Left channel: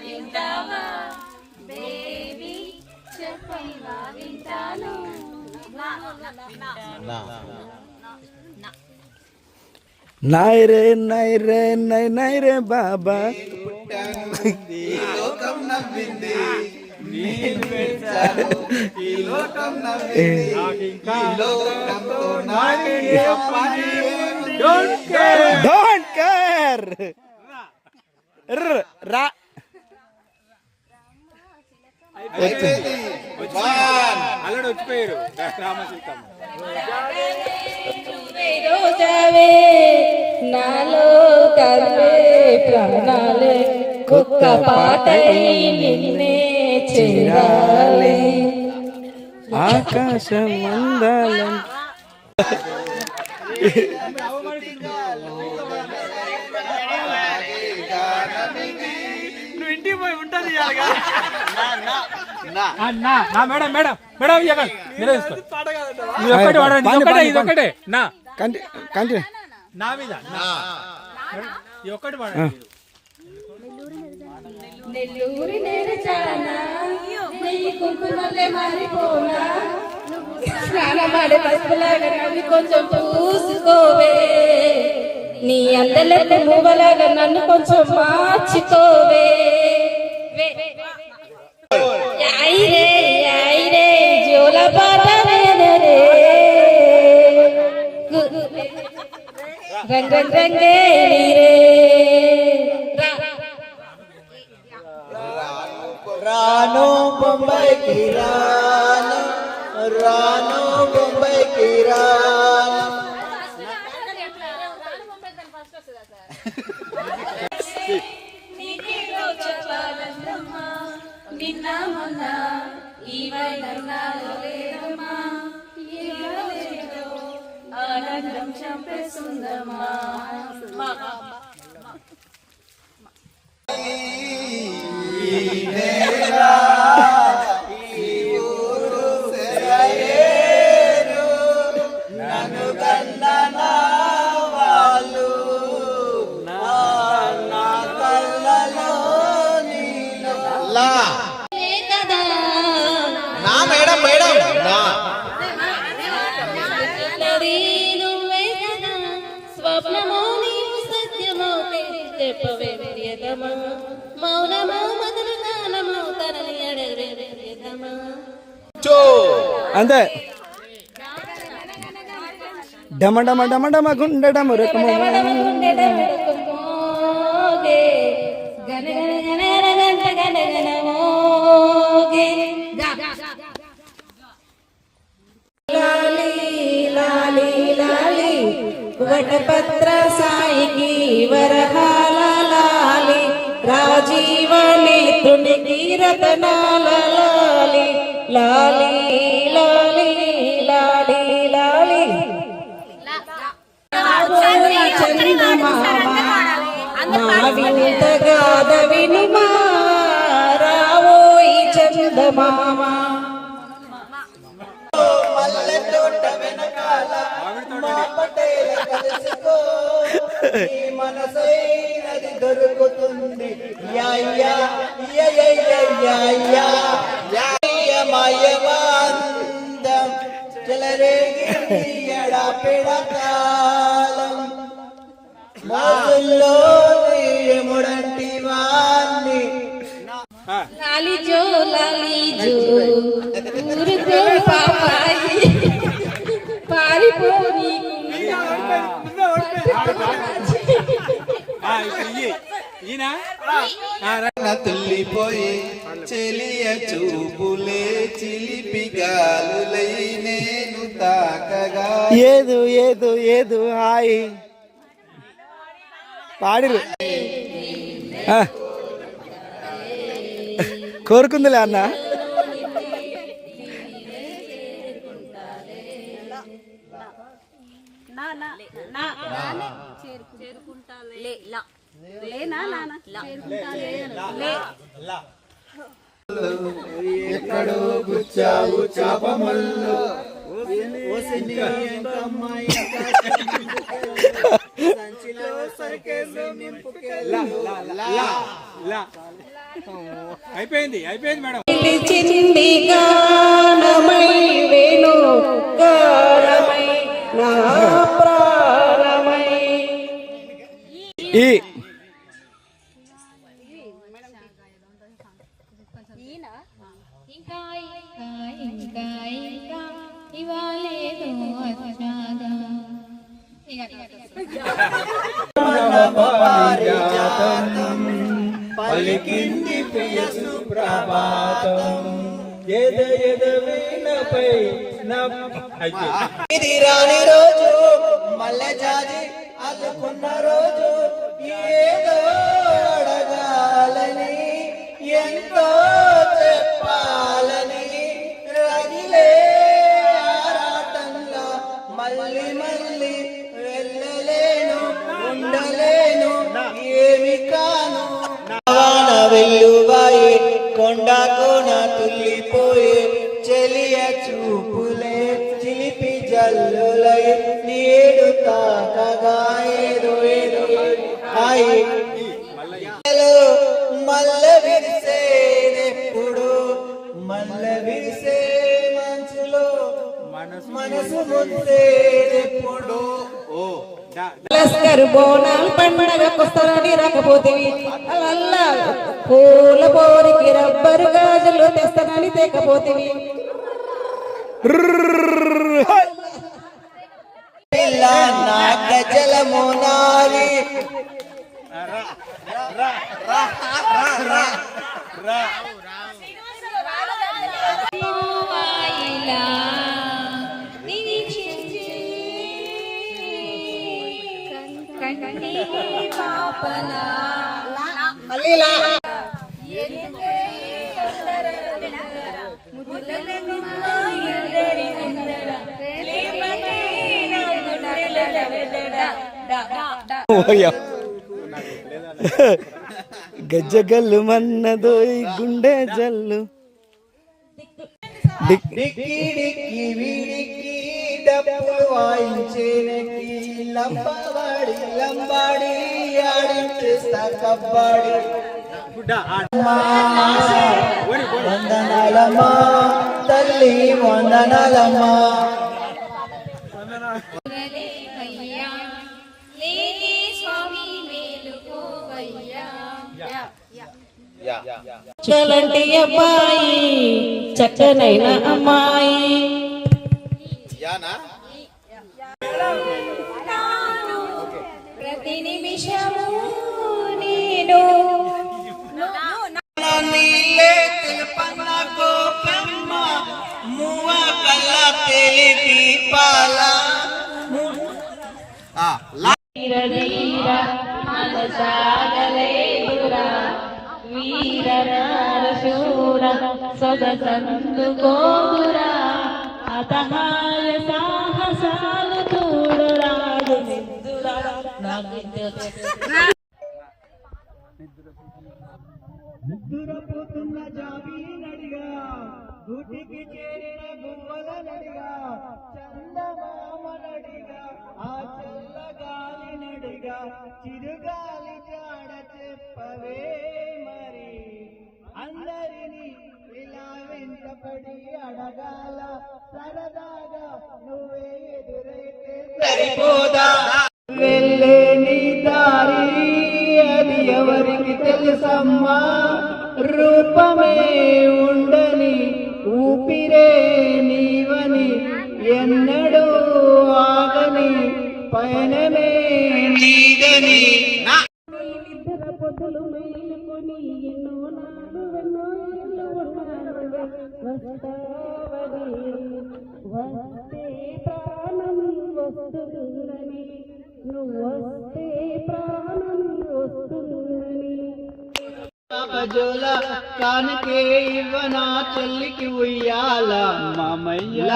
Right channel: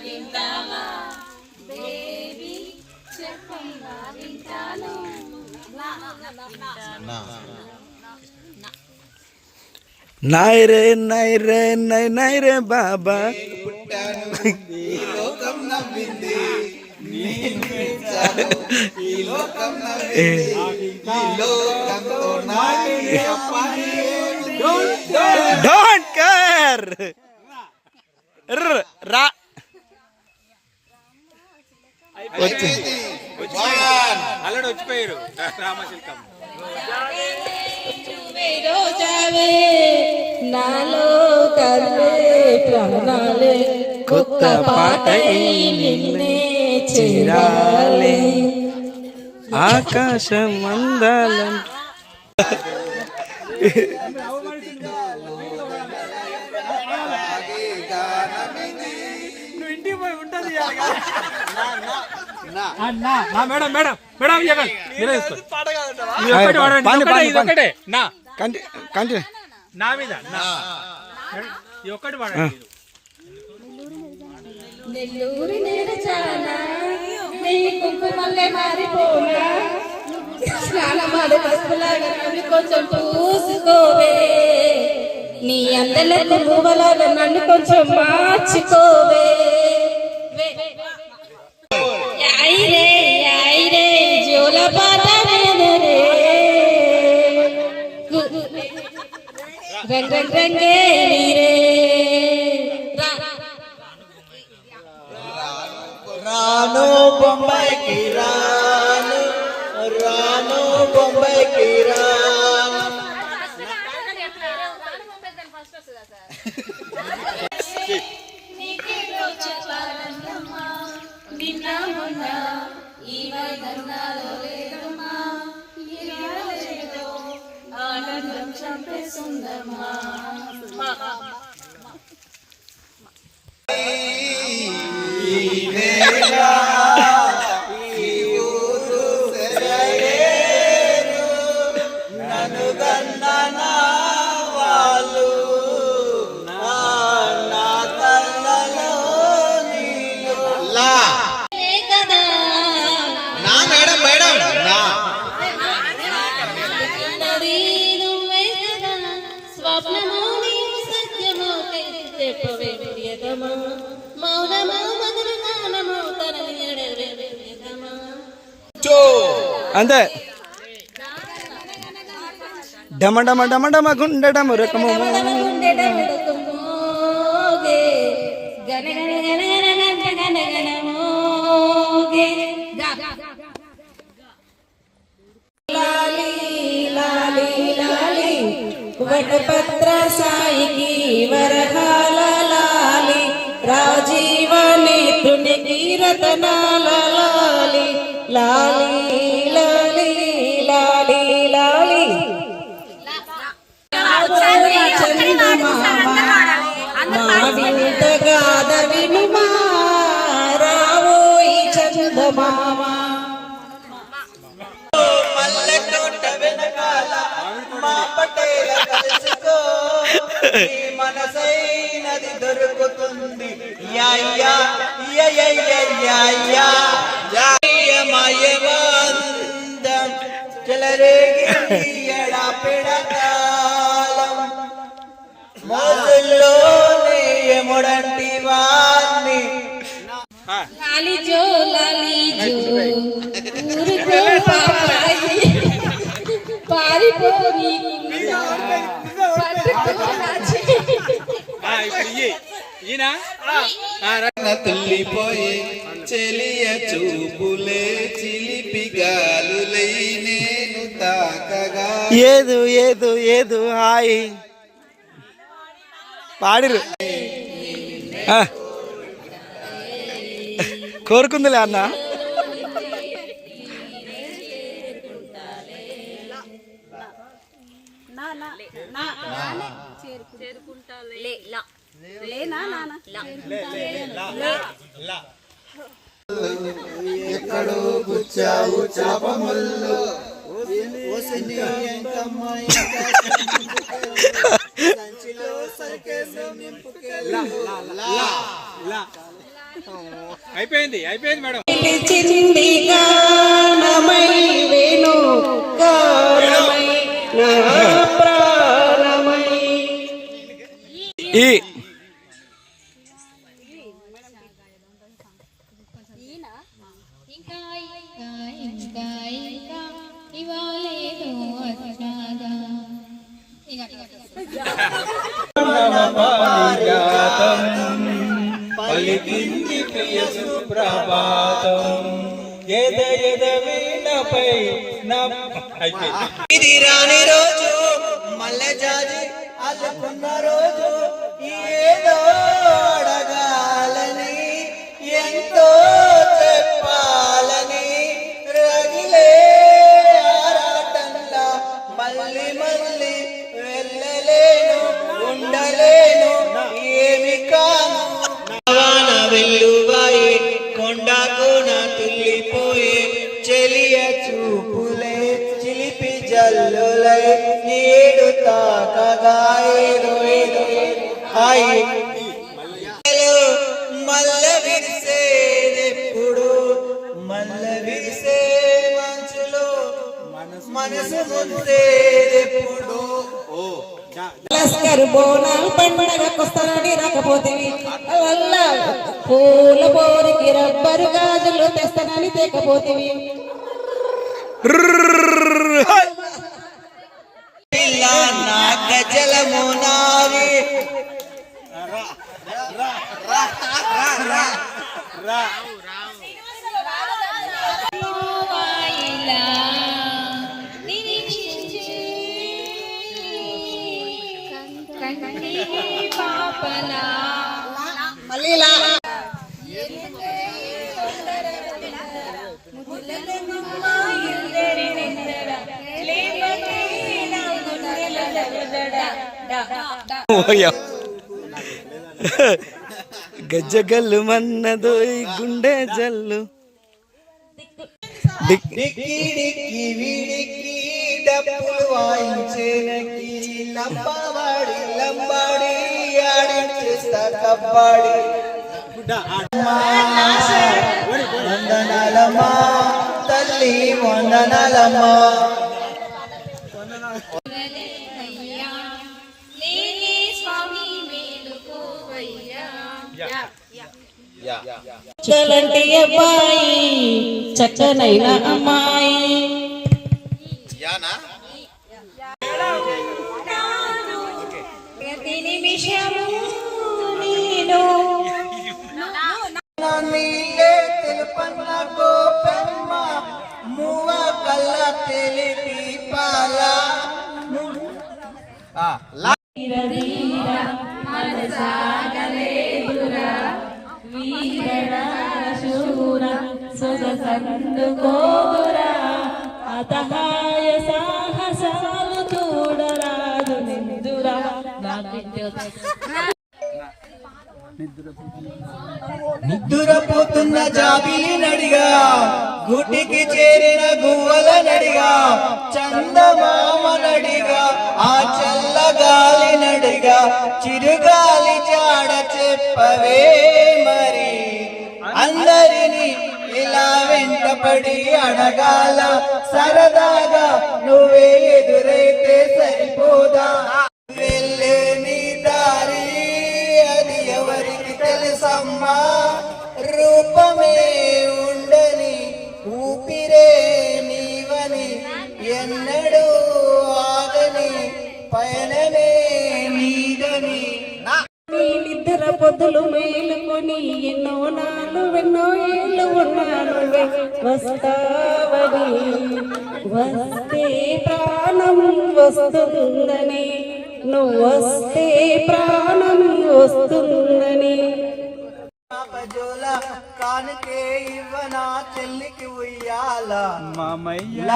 వింటావా బేబీ చెప్పంగా వింటాను నైరే నైరే నై నైరే బాబా లోకం నవ్వింది ఈ లోకం నవ్వింది ఈ లోకంతో డోంట్ కేర్ రా అల్లడు వచ్చిపోయారు రామశిల్కం నాలో తరువే ప్రాణాలే కొత్త పాట నిన్నే చేరాలే ఆకాశం అందాలం నువ్వు ఇంటికి పోయి ఉంటుంది నెల్లూరి నేరచానా నీ కుంకుమల్లే మారిపోనా స్నానమాడే పసుపులాగా నవ్వి కొంచెం పూసుకోవే నీ అందలెక్క మూవలాగా నన్ను కొంచెం మార్చుకోవే ఐరే ఐరే జోల పాట రే రంగ రంగే రాను బొంబాయికి రాను రాను బొంబాయికి రాను ఆనందం చంపేస్తుందమ్మా నన్ను గందన వాళ్ళు నా కళ్ళలో నా మేడం మేడం నా స్వప్నమో నీవు సత్యమో చెప్పవే ప్రియతమా మౌనమో మధుర గానమో తరలి అడవే ప్రియతమా అంతే డమ డమ డమ డమ గుండె డమ రకము వటపత్ర సాయికి వరహాల లాలి రాజీవని తునికి రతనాల లాలి లాలి లాలి లాలి లాలి వింతగాద వినుమా రావోయి చందమామ మల్లె తోట వెనకాల మా పటేల కలుసుకో నీ మనసైనది దొరుకుతుంది యా యా యా యా యా యా యా యా మాయవాందం చెలరేగి ఎడపెడతాళం మాసుల్లో ఎముడంటి వాణ్ణి లాలి జో ఊరుకో పాపాయి పారిపోని తుల్లిపోయే చెలియ చూపులే చిలిపి గాలులై నేను తాకగా ఏదు ఏదు ఏదు హాయ్ పాడిరు కోరుకుందిలే అన్న ఎక్కడో గుచ్చావు చాపమల్లో సంచిలో సరికేసి నింపుకెళ్ళ అయిపోయింది మేడం. పిలిచింది గానమై వేణు గానమై నా ప్రాణమై. ఈ ఇంకా ఇంకా ఇంకా ఇవాళేదో వచ్చాగా. పలికింది ప్రియ సుప్రభాతం ఎద ఎద వీణపై ఇది రాని రోజు మల్లె జాజి అల్లుకున్న రోజు ఏదో అడగాలని ఎంతో చెప్పాలని రగిలే ఆరాటంలో మళ్ళీ మళ్ళీ వెళ్ళలేను ఉండలేను ఏమి కాను వాన వెల్లువాయే కొండకు నా తుల్లిపోయే చెలియ చూపులే చిలిపి జల్లులై నీడు తాకగా ఏదో ఏదో హాయి మల్ల విరిసేదెప్పుడు మల్ల విరిసే మంచులో మనసు ముద్దేదెప్పుడు లస్కరు బోనాలు పండగకొస్తానని రాకపోతేవి వల్ల పూల పోరికి రబ్బరు గాజులు తెస్తానని తేకపోతేవి. ఇలా నా గజలము నారి పోవాయిలా నిరీక్షించే కంటి పాపలా. ఎందుకే తొందర తొందర ముద్దులమ్మ ఇల్లరి నిందర లేపకే గజ్జగల్లు మన్నదో ఈ గుండె జల్లు. డిక్కి డిక్కి వీడికి డప్పులు వాయించేనకి లంబాడి లంబాడి ఆడించేస్తా కబ్బాడి వందనాలమ్మా తల్లి వందనాలమ్మా. లేని స్వామి మేలుకోవయ్యా. చలంటి అబ్బాయి చక్కనైన అమ్మాయి ప్రతి నిమిషము నేను నీలే తెలుపన్న గోపెమ్మ మువ్వ కళ్ళ తెలిపి పాల మనసాగలేదురా వీర నారశూర సొగసందుకోరా అతహాయ సాహసాలు తోడరాజు నిందురా నిద్దురపోతున్న జాబిలి నడిగా గుటికి చేరిన గువ్వల నడిగా చందమామ నడిగా ఆ చల్లగాలి నడిగా చిరుగాలి జాడ చెప్పవే మరి అందరినీ ఇలా వెంటపడి అడగాల సరదాగా నువ్వే ఎదురైతే సరిపోదా వెళ్ళే నీ దారి అది ఎవరికి తెలుసమ్మా రూపమే ఉండని ఊపిరే నీవని ఎన్నడూ ఆగని పయనమే నీదని నీళ్ళిద్దర పొద్దులు మేలుకొని ఎన్నో నాలు ఎన్నో ఏళ్ళు ఉన్నాను వస్తావని వస్తే ప్రాణం వస్తుందని నువ్వు వస్తే ప్రాణం వస్తుందని జోల కానుకే ఇవ్వనా చెల్లికి ఉయ్యాల మామయ్య